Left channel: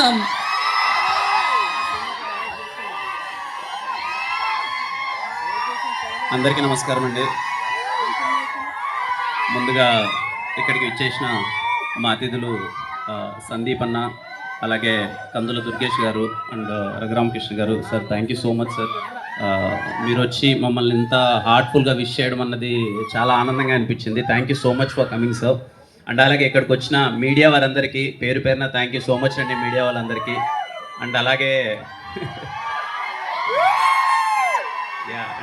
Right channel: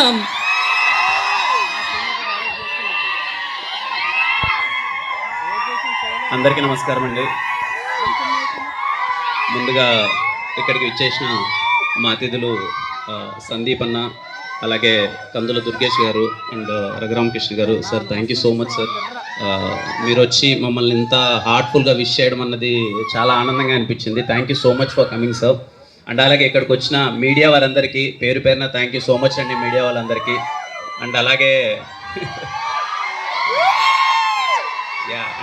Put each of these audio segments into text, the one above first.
కోరుకుంటున్నాం. అందరికీ నమస్కారం అండి. ముందుగా ఇక్కడికి వచ్చేసిన మా అతిథులు సందీప్ అన్న, అలాగే కందుల దుర్గేష్ గారు అండ్ రఘురామకృష్ణ గారు. Sir thank you so much sir. మీరు వచ్చి మమ్మల్ని ఇంత హార్ట్ఫుల్గా విష్ చేయడం అన్నది చాలా ఆనందంగా అనిపించింది. Thank you so much for coming sir. And అలాగే ఇక్కడికి వచ్చిన మీడియా వారందరికీ పేరు పేరున థ్యాంక్ యూ సో మచ్ అండి, మీడియా వాళ్ళందరికీ. అండ్ అలాగే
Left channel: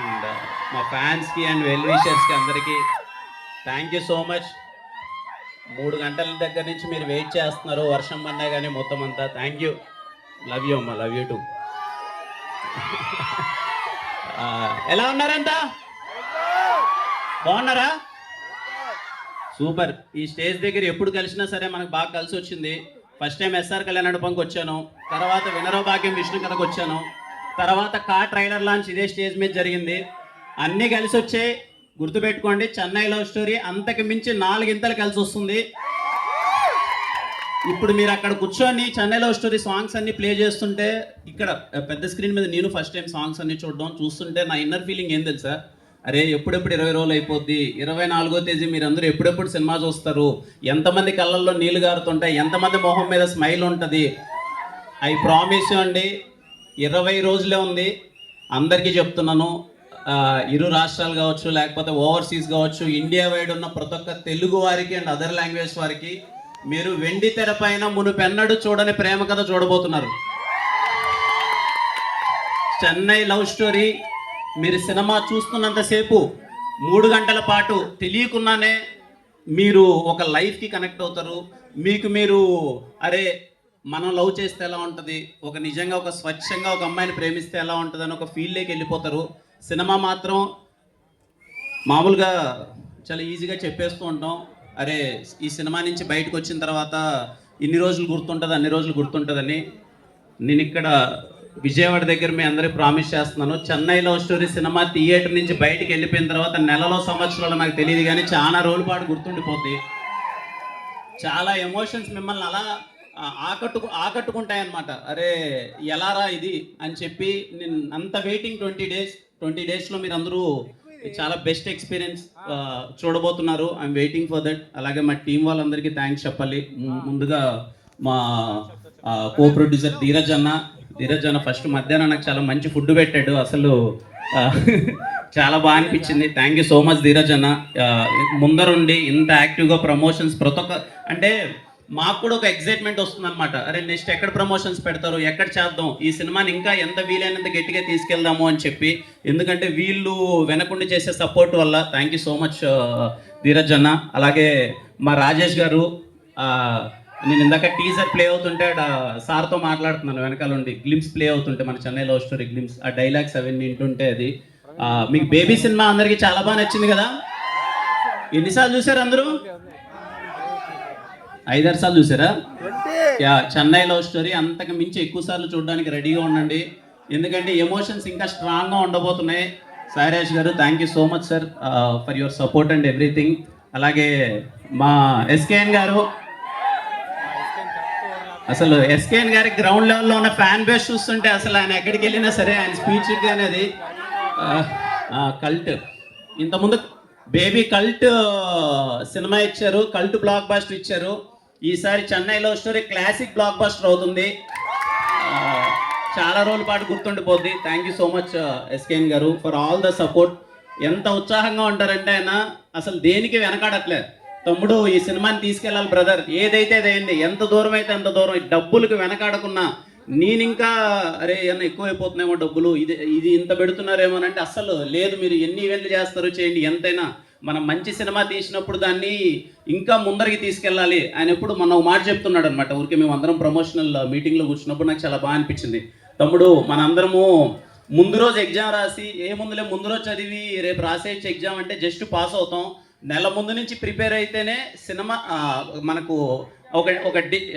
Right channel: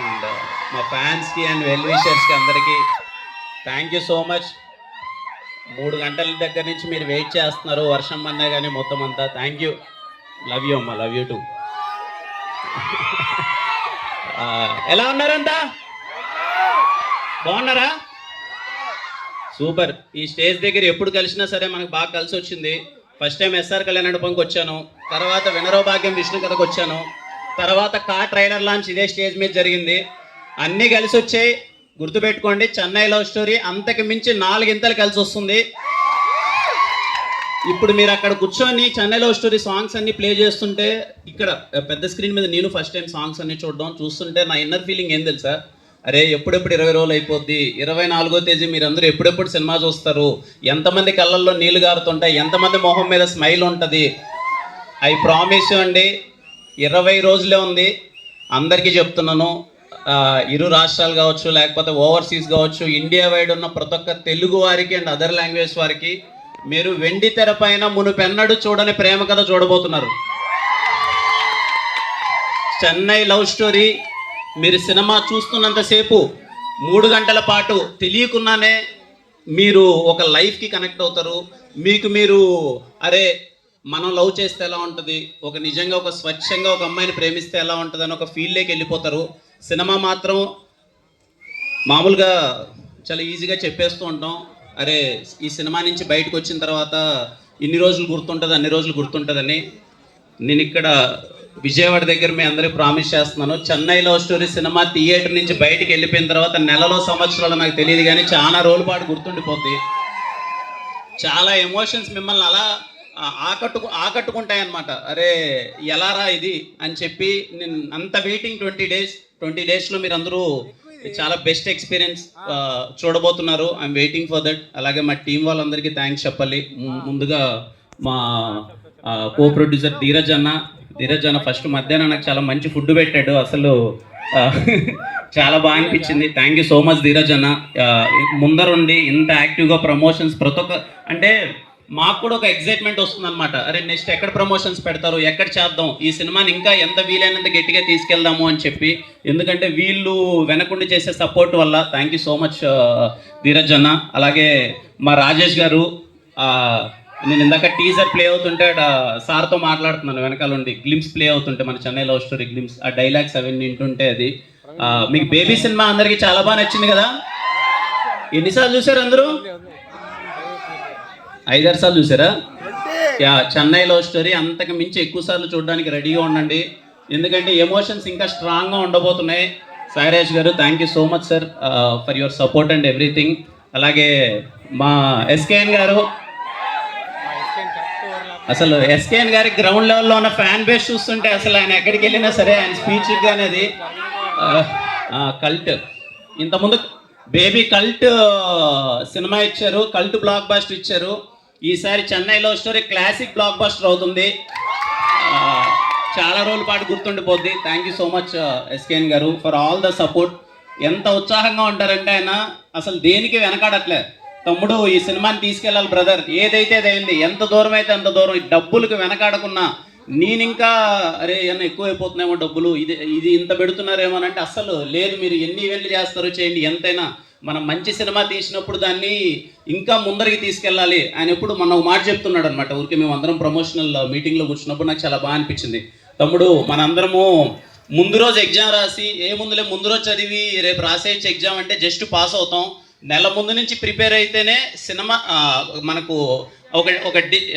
అండ్ మా ఫ్యాన్స్కి అండ్ వెల్ విషర్స్కి అందరికీ థ్యాంక్ యూ సో మచ్. 3 గంటల దగ్గర నుంచి మీరు వెయిట్ చేస్తున్నారు, వర్షం పడినా కానీ మొత్తం అంతా. థ్యాంక్ యూ, లవ్ యూ అమ్మ, లవ్ యూ టూ. ఎలా ఉన్నారంతా? బాగున్నారా? సూపర్. ఈ స్టేజ్ దగ్గర ఎప్పుడు కలిసినా సరే మనకు బాగా కలిసి వచ్చింది. ఫస్ట్ టైం ఎస్ఆర్ కళ్యాణ మండపంకి వచ్చాను, తర్వాత వినరో భాగ్యం విష్ణు కథకు వచ్చాను, తర్వాత ట్రైలర్ లాంచ్ ఇదే స్టేజ్ మీద జరిగింది. అన్నీ కలిసి వచ్చాయి. గుర్తుపెట్టుకోండి, చెన్నై లవ్ స్టోరీ అంతకు మించి 4 ఇంతలు కలిసి వస్తుంది. ఇప్పుడు మీరు అక్కడ కూర్చొని చెన్నై లవ్ స్టోరీ సాంగ్స్ అన్ని ప్లే చేస్తుంటే, ఇక్కడ పెద్ద స్క్రీన్ మీద నేను ఫస్ట్ టైం సాంగ్స్ అన్ని చూస్తుంటే నా ఇన్నర్ ఫీలింగ్ ఏం తెలుసా? అరే ఎప్పుడెప్పుడు 20 రోజులు అయిపోద్ది, 24వ తేదీ మీరందరూ ఎప్పుడెప్పుడు సినిమా చూస్తారు, ఎంతమంది కళ్ళల్లో నీళ్లు గారుతుంటాయి, ఎంతమంది మొహం మీద స్మైల్ ఉంటుంది. ఐ ప్రామిస్ అండి, 20 రోజులే ఉంది. అందరికీ చెప్తున్నాను, ఇరు రాష్ట్రాలు కావచ్చు, లేకపోతే ఓవర్సీస్ కావచ్చు, ఇండియా వైడ్ ఉన్న ప్రతి ఒక్క తెలుగు వారికి అండ్ అదర్ లాంగ్వేజ్ వారికి మీరు వెండి తెర పైన మునుపెన్నడు చూడని ప్రేమ కథ చూడబోతున్నారు. చెన్నై లవ్ స్టోరీ మీరు సినిమా చూస్తున్నంతసేపు 3 గంటల పాటు తెలియకుండానే మీరు ఒక లైఫ్కి కనెక్ట్ అవుతారు. మీకు మీరు అరే మనం లవ్ చేస్తే ఎలా ఉంటుంది, ఒక నిజంగా ఒక స్వచ్ఛంగా ఒక అమ్మాయిని ప్రేమిస్తే ఎలా ఉంటుంది అని ఒక ఫీల్లోకి వెళ్ళిపోతారు. సినిమా మాత్రం మామూలుగా చాలా ఈజీగా చెప్పేస్తూ ఉంటాం, అరే ఈ సినిమా నుంచి బయటకు వచ్చిన తర్వాత ఇన్ని రోజులు గుర్తుంటుంది, అన్ని రోజులు గుర్తుంటుందని. నేను ఇక్కడ విజయవాడ దగ్గర మీ అందరికీ ప్రామిస్ చేస్తున్నాను, Chennai love story cinema theatre నుంచి బయటకు వెళ్ళిపోయిన తర్వాత నెలలో సంవత్సరాలు నాకు తెలియదు కానీ చాలా రోజుల పాటు గుర్తుండిపోద్ది. చాలా ఎమోషన్స్ మిమ్మల్ని అలా ఆకట్టుకుంటాయన్నమాట. అరే ఎలారా ఇది అని చెప్పి నేను అంత వెయిటింగ్ 20 డేస్లో మీరు అందరూ చాలా బెస్ట్ ఎక్స్పీరియన్స్ చూడబోతున్నారు. I'm waiting for that. అలాగే మా టీం వాళ్ళందరికీ థ్యాంక్స్ చెప్పాలి. ముందుగా మా కో ప్రొడ్యూసర్ ధీరజ్ అన్న ఫస్ట్ మధ్యాహ్నం నాకు చాలా మంచి ఫుడ్ పెట్టాడు, అసలు చాలా బాగా అనిపించింది. Thank you so much Dheeraj అన్న. ముందరుండి ఇంత యాక్టివ్గా ప్రమోషన్స్ ప్రతి ఒక్క, అంటే మాకు కూడా ఒక ఎగ్జైట్మెంట్ వస్తుంది అనమాట. అరే నెక్స్ట్ ఎక్కడ ప్రమోషన్స్ పెడతారు, ఎక్కడ చేద్దాం, ఈ సినిమాని ఇంకా ఎంత వీలైనంత గట్టిగా తీసుకెళ్దాము అని చెప్పి. ఎందుకంటే వీళ్ళు వెనకుండి చేసే సపోర్ట్ వల్ల. Thank you so much Dheeraj అన్న. అలాగే మా రాజేష్ గారు, నేను ఇందాక టీజర్ ప్లే అవుతుంటే సార్తో మాట్లాడుతున్నాను, వెనకాల ఉండి గ్లిమ్స్ ప్లే అవుతుంటే మన చెన్నై లవ్ స్టోరీ గ్లిమ్స్, ఆ డైలాగ్స్ అవన్నీ వింటుంటే అది మీకు బేబీ సినిమా అందరికీ చాలా బాగా నచ్చింది కదా? ఎన్నిసార్లు చూసారు అందరూ? 5-6 సార్లు చూసారా? చెన్నై లవ్ స్టోరీ అంతకు మించి ఎక్కువ సార్లు చూడడానికి రెడీగా ఉండండి, ఎందుకంటే ఎమోషన్స్ ఇంకా స్ట్రాంగ్గా ఉండబోతున్నాయి. సాయిరాజ్ గారు thank you so much sir for your support and everything. అలాగే మా ఎస్కేఎన్ గారు, అసలు ఎస్కేఎన్ గారి గ్రౌండ్ లెవెల్లో ఉన్న ఫ్యాన్ బేస్ చూస్తుంటే అసలు ఆయన ఎక్కడికి వెళ్ళినా సరే ఆయన స్పీచ్ అనేది కల్ట్. ఇంతకుముందు బేబీ కల్ట్ సినిమా ఇచ్చారు, కల్ట్ బ్లాక్ బస్టర్ ఇచ్చారు. ఈసారి Chennai love story classic blockbuster అవుతుంది, చాలా రోజుల పాటు గుర్తుండిపోద్ది. Thank you so much SKN garu for all the support. ఎంత ఉత్సాహంగా ఉంటారంటే ఆయన అసలు దేనికి వెనకాడట్లేదు. తమ్ముడు ఈ సినిమాని తీసుకెళ్ళాలి బ్రదర్, ఏదైతే అదైంది, ఎంత దూరం అయితే అంత దూరం, డబ్బులకు వెనకాడకున్నా. నేను ఇంకా అరే ఏమన్నా ఎక్కువైపోతున్నాయేమో డబ్బులు, ఇది ఇంత పెడుతున్నారేమోనంటే అస్సలు లేదు. మీరు ఎన్ని ఈవెంట్లు చేస్తారో చేయండి, ఎంతైనా మనం మంచి సినిమా తీసినప్పుడు దాన్ని ఇంకా ముందరికి తీసుకెళ్ళాలి. ఆయన ఎప్పుడు మన ఒక మాట చెప్తున్నాడు అనమాట. ఊరికి మేము అందరం ప్రమోషనల్ మీటింగ్లో కూర్చున్నప్పుడు నాకు చాలా బాగా అనిపించింది. తమ్ముడు మనందరము ముందు రోజు ఎగ్జామ్ రాసి ముందు రోజు చదివి రేపు రాసేయచ్చు ఎగ్జామ్ అంటే జస్ట్ పాస్ అవుతాం. నెల ముందు నుంచి ప్రిపేర్ అయితేనే సినిమా మనకు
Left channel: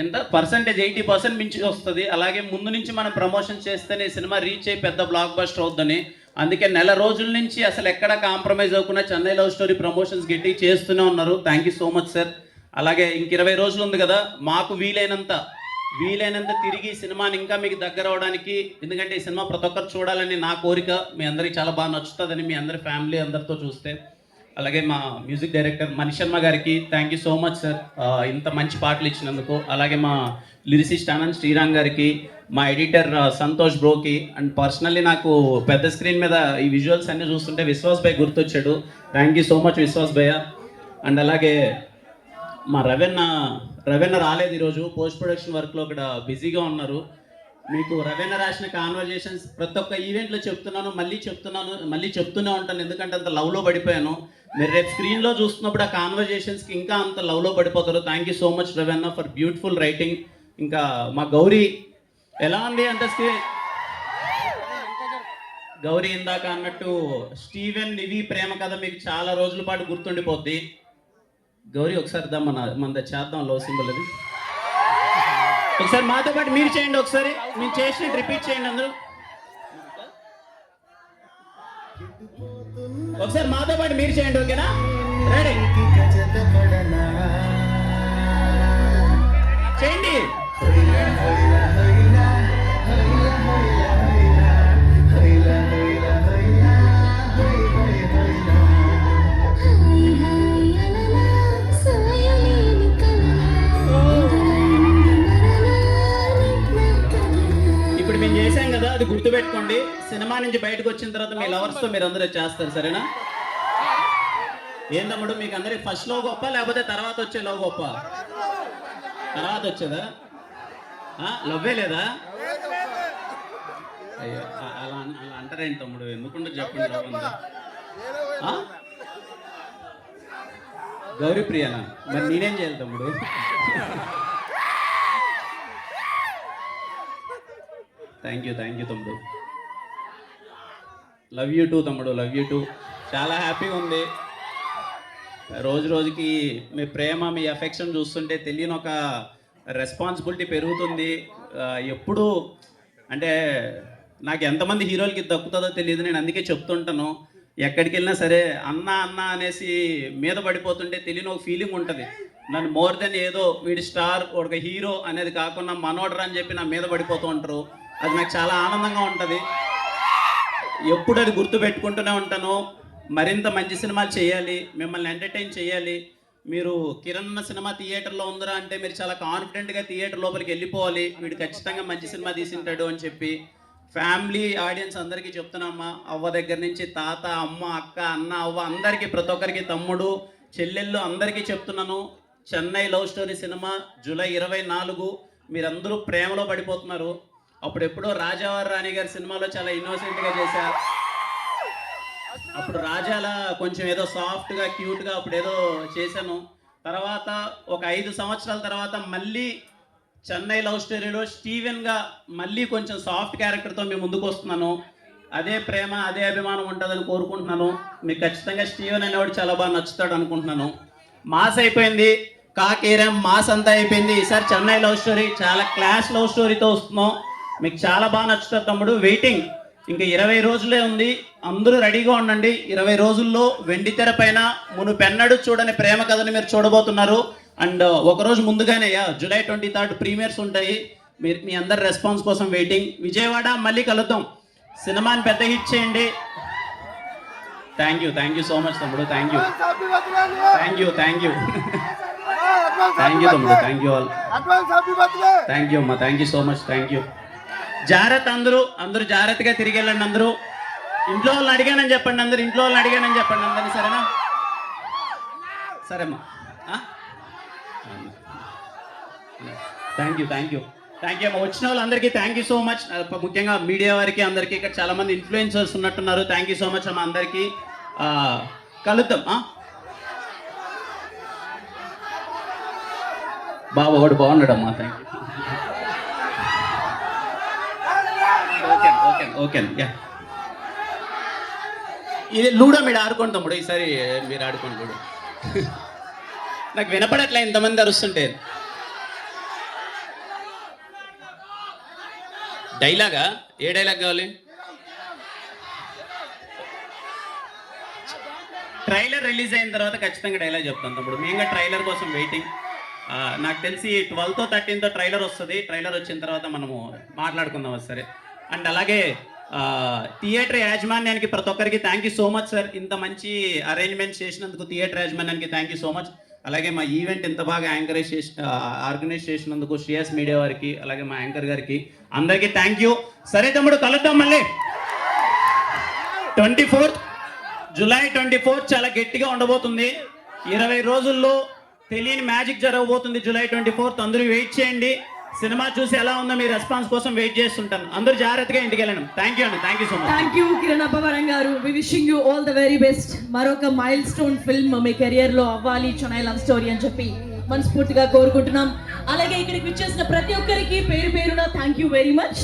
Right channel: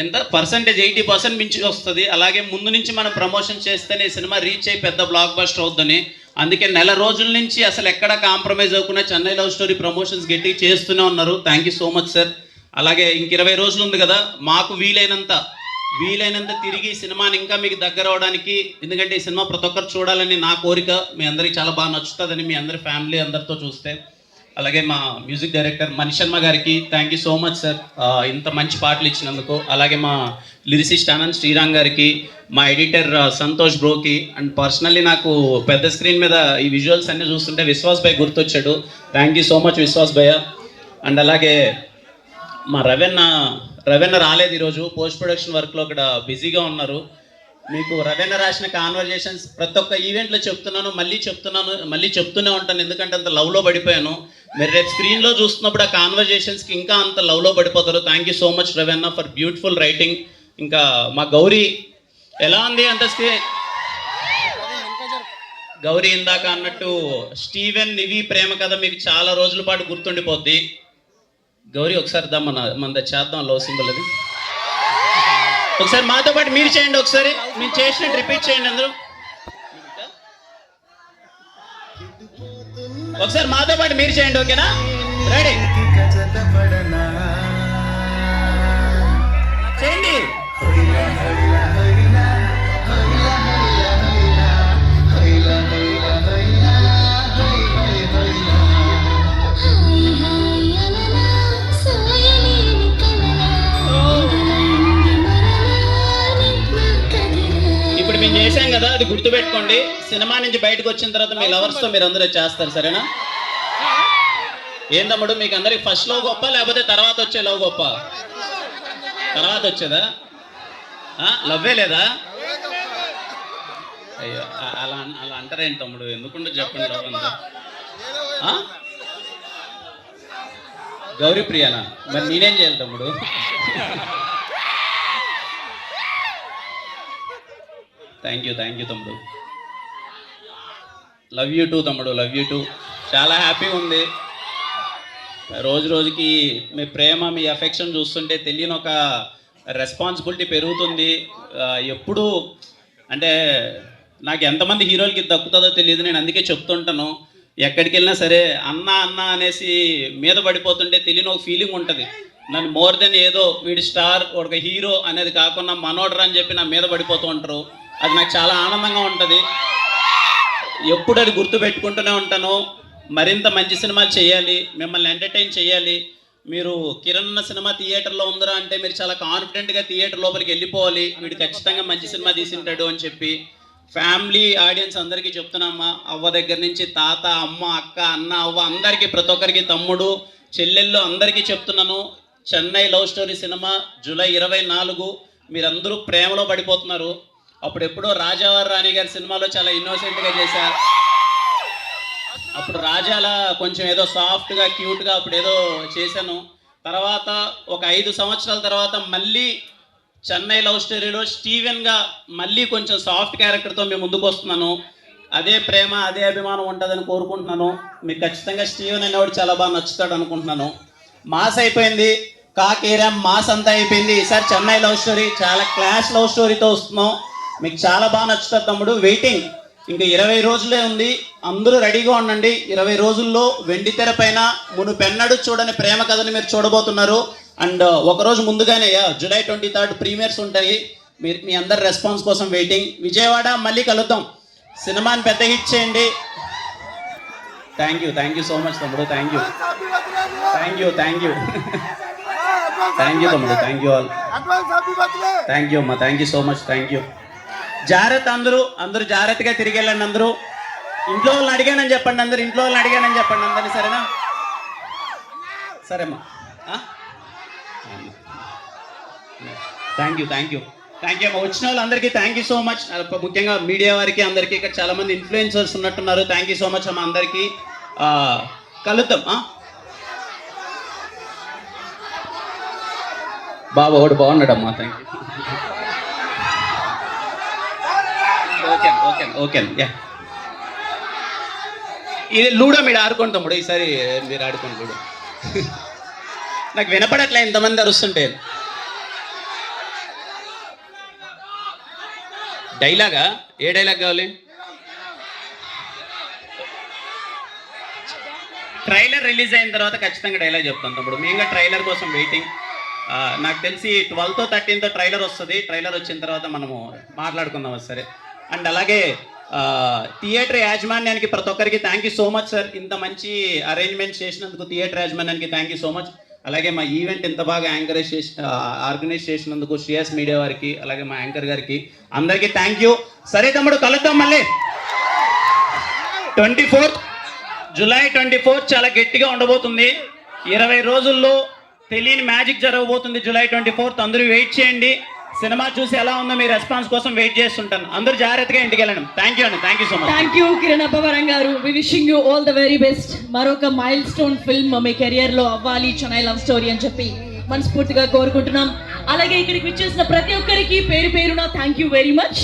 ఎంత పర్సంటేజ్ 80% మించి వస్తుంది. అలాగే ముందు నుంచి మనం ప్రమోషన్ చేస్తేనే సినిమా రీచ్ అయ్యి పెద్ద బ్లాక్ బస్టర్ అవుద్దని. అందుకే నెల రోజుల నుంచి అసలు ఎక్కడ కాంప్రమైజ్ అవ్వకుండా చెన్నై లవ్ స్టోరీ ప్రమోషన్స్ గట్టిగా చేస్తూనే ఉన్నారు. Thank you so much sir. అలాగే ఇంక 20 రోజులు ఉంది కదా, మాకు వీలైనంత వీలైనంత తిరిగి సినిమాని ఇంకా మీకు దగ్గర అవడానికి, ఎందుకంటే ఈ సినిమా ప్రతి ఒక్కరు చూడాలని నా కోరిక. మీ అందరికి చాలా బాగా నచ్చుతుందని మీ అందరి ఫ్యామిలీ అందరితో చూస్తే. అలాగే మా మ్యూజిక్ డైరెక్టర్ మణిశర్మ గారికి thank you so much sir, ఇంత మంచి పాటలు ఇచ్చినందుకు. అలాగే మా లిరిసిస్ట్ ఆనంద్ శ్రీరామ్ గారికి, మా ఎడిటర్ సంతోష్ బ్రోకి, అండ్ పర్సనల్లీ నాకు పెద్ద స్క్రీన్ మీద ఈ విజువల్స్ అన్నీ చూస్తుంటే విశ్వాస్ భయ్ గుర్తొచ్చాడు. Thank you so much Vishwas bhaiya. And అలాగే మా రవెన్న రాలేదు ఈరోజు, పోస్ట్ ప్రొడక్షన్ వర్క్లో ఇక్కడ బిజీగా ఉన్నారు. మీకు రవెన్న రాసిన కాన్వర్జేషన్స్ ప్రతి ఒక్క ఈవెంట్లో చెప్తున్నాను, మళ్ళీ చెప్తూనే ఉంటాను, ఎందుకంటే అంత లవ్లో పడిపోయాను. మీరు రేపు స్క్రీన్లో చూస్తున్నప్పుడు ఆ కాన్వర్జేషన్స్కి ఇంకా అంత లవ్లో పడిపోతారు. Thank you so much Ravanna for beautiful writing. ఇంకా మా గౌరీ ఎలా ఉంది అంత స్క్రీన్, గౌరీ ఇందాక అన్నట్టు స్టీవెన్ నివి ప్రేమ కథ మీకు చాలా రోజుల పాటు గుర్తుండిపోద్ది. గౌరీ ఒకసారి మన చేద్దాం లవ్ సింబల్ అది. ఒకసారి మాతో పాటు మీరు చేయండి, ఒకసారి మీరు చేసినట్టు రిపీట్ చేయండి అందరూ. ఒకసారి మాతో పాటు మీరు చేయండి, ఓకేనా? రెడీ చేయండి. మేము చేశాం కదా, అది గుర్తుపెట్టుకోండి. సినిమా నుంచి బయటకు వచ్చిన తర్వాత మీ లవర్స్తో మీరు అందరూ చేస్తారు, సరేనా? ఏం తమ్ముడు, మీకు అందరికి ఫస్ట్ లవ్ గొప్ప లేకపోతే తర్వాత వచ్చే లవ్ గొప్ప? తర్వాత వచ్చేదా? లవ్వే లేదా? అయ్యో అలా అంటారేంటి తమ్ముడు, ఎందుకుంటే చెప్పండి లవ్ అంతా. గౌరీ ప్రియానా? మరి నేనేం చేయాలి తమ్ముడు? థ్యాంక్ యూ తమ్ముడు. లవ్ యూ టూ తమ్ముడు, లవ్ యూ టూ. చాలా హ్యాపీగా ఉంది. రోజుకి మీ ప్రేమ, మీ అఫెక్షన్ చూస్తుంటే తెలియని ఒక రెస్పాన్సిబిలిటీ పెరుగుతుంది. ఎప్పుడు అంటే నాకు ఎంతమంది హీరోలకి దక్కుతుందో తెలియదు, నేను అందుకే చెప్తుంటాను. ఎక్కడికి వెళ్ళినా సరే అన్న అనేసి మీద పడిపోతుంటే తెలియని ఒక ఫీలింగ్ ఉంటుంది. నన్ను మోర్ దెన్ ఏదో వీడి స్టార్ ఒక హీరో అనేది కాకుండా మనోడరా అని చెప్పి నా మీద పడిపోతూ ఉంటారు. అది నాకు చాలా ఆనందంగా ఉంటుంది. ఎప్పుడు అది గుర్తు పెట్టుకుంటూనే ఉంటాను. మరింత మంచి సినిమాలు చేయాలి, మిమ్మల్ని ఎంటర్టైన్ చేయాలి. మీరు కిరణ్ సినిమా థియేటర్లో ఉందరా అంటే మీరు చాలా కాన్ఫిడెంట్గా థియేటర్ లోపలికి వెళ్ళిపోవాలి, వీడు ఖచ్చితంగా మంచి సినిమా తీసింటాడు అని చెప్పి. ఫ్యామిలీ ఆడియన్స్ అందరికీ చెప్తున్నామ్మా, అవ్వ దగ్గర నుంచి తాత, అమ్మ, అక్క, అన్న, అవ్వ అందరికీ, ప్రతి ఒక్కరికి, తమ్ముడు, చెల్లెళ్ళు అందరికీ చెప్తున్నాను. Chennai love story cinema July 24. మీరందరూ ప్రేమలో పడిపోతున్నారు. అప్పుడెప్పుడో రాజావారు రాణి గారి సినిమాలో చాలా ఇన్నోసెంట్గా చేశారు. అప్పుడు రాజాలా కొంచెం ఏదో సాఫ్ట్గా క్యూట్గా అప్పుడు ఏదో చేశాను. తర్వాత ఒక 5 సంవత్సరాల తర్వాత మళ్ళీ చెన్నై లవ్ స్టోరీలో స్టీవెన్గా మళ్ళీ కొంచెం సాఫ్ట్ క్యారెక్టర్తో మేము ముందుకు వస్తున్నాను. అదే ప్రేమ, అదే అభిమానం ఉంటుందని కోరుకుంటున్నాను. మీకు ఖచ్చితంగా స్టీవెన్ అనేవాడు చాలా బాగా నచ్చుతాడు అనుకుంటున్నాను. మాస్ అయిపోయింది, కాకేరం మాస్ అంతా అయిపోయింది. ఈసారి చెన్నై లవ్ స్టోరీ చాలా క్లాస్ లవ్ స్టోరీతో వస్తున్నాం. మీకు చాలా బాగా నచ్చుతుంది తమ్ముడు. వెయిటింగ్, ఇంకా 20 రోజులే ఉంది, అందరూ రెడీగా ఉండండి. 20 రోజుల్లో వెండి తెర పైన మునుపెన్నడూ చూడని ప్రేమ కథని మీరు చూడబోతున్నారు. అండ్ ఒకరోజు ముందుగానే జూలై 23 ప్రీమియర్స్ ఉంటాయి. మీ అందరి రెస్పాన్స్ కోసం వెయిటింగ్. విజయవాడ మళ్ళీ కలుద్దాం. సినిమాని పెద్ద హిట్ చేయండి. థ్యాంక్ యూ సో మచ్ తమ్ముడు. థ్యాంక్ యూ తమ్ముడు. Thank you all. Thank you అమ్మా. Thank you so much. Thank you. జాగ్రత్త, అందరూ జాగ్రత్తగా తిరిగి వెళ్ళండి. అందరూ ఇంట్లో వాళ్ళని అడిగానని చెప్పండి. అందరినీ, సరేనా? సరేమ్మా. థ్యాంక్ యూ అమ్మా. వచ్చిన వాళ్ళందరికీ థ్యాంక్ యూ సో మచ్. ముఖ్యంగా మీడియా వారికి అందరికీ, ఇక్కడ చాలా మంది ఇన్ఫ్లుయెన్సర్స్ ఉన్నట్టున్నారు. థ్యాంక్ యూ సో మచ్ అమ్మా అందరికీ. కలుద్దాం. బాబు ఒకటి బాగున్నాడమ్మా. Thank you. ఓకే. ఇది లూడో మీరు ఆడుకోండి తమ్ముడు. ఈసారి మీరు ఆడుకోండి లూడో. నాకు వినపడట్లే ఇంతమంది అరుస్తుంటే. డైలాగా? ఏ డైలాగ్ కావాలి? ట్రైలర్ రిలీజ్ అయిన తర్వాత ఖచ్చితంగా డైలాగ్ చెప్తాను తమ్ముడు. మేము ట్రైలర్ కోసం వెయిటింగ్. నాకు తెలిసి 12తో 13తో ట్రైలర్ వస్తుంది. ట్రైలర్ వచ్చిన తర్వాత మనము మాట్లాడుకుందాం సరే. అండ్ అలాగే థియేటర్ యాజమాన్యానికి ప్రతి ఒక్కరికి thank you so much sir. ఇంత మంచి అరేంజ్మెంట్స్ చేసినందుకు థియేటర్ యాజమాన్యానికి థ్యాంక్ యూ సో మచ్. అలాగే మా ఈవెంట్ ఇంత బాగా ఆర్గనైజ్ చేసినందుకు శ్రేయస్ మీడియా వారికి, అలాగే మా యాంకర్ గారికి అందరికీ థ్యాంక్ యూ. సరే తమ్ముడు, కలుద్దాం మళ్ళీ. 24th జూలై 24th చాలా గట్టిగా ఉండబోతుంది. 20 రోజుల్లో తెలియని మ్యాజిక్ జరగబోతుంది. జూలై 24th అందరూ వెయిట్ చేయండి. సినిమా చూసి ఎలా ఉందో మీ రెస్పాన్స్ కోసం వెయిట్ చేస్తుంటాను. అందరూ జాగ్రత్తగా ఇంటికి వెళ్ళండి. థ్యాంక్ యూ అండి. Thank you so much. Thank you Kiran Abbavaram garu. We wishing you all the very best. మరొక మైల్ స్టోన్ ఫిల్మ్ మీ కెరియర్ లో అవ్వాలి, చెన్నై లవ్ స్టోరీ అని చెప్పి మనస్ఫూర్తిగా కోరుకుంటున్నాం. అలాగే ఇక్కడికి విచ్చేసిన ప్రతి ఒక్కరికి పేరు పేరున థ్యాంక్ యూ వెరీ మచ్.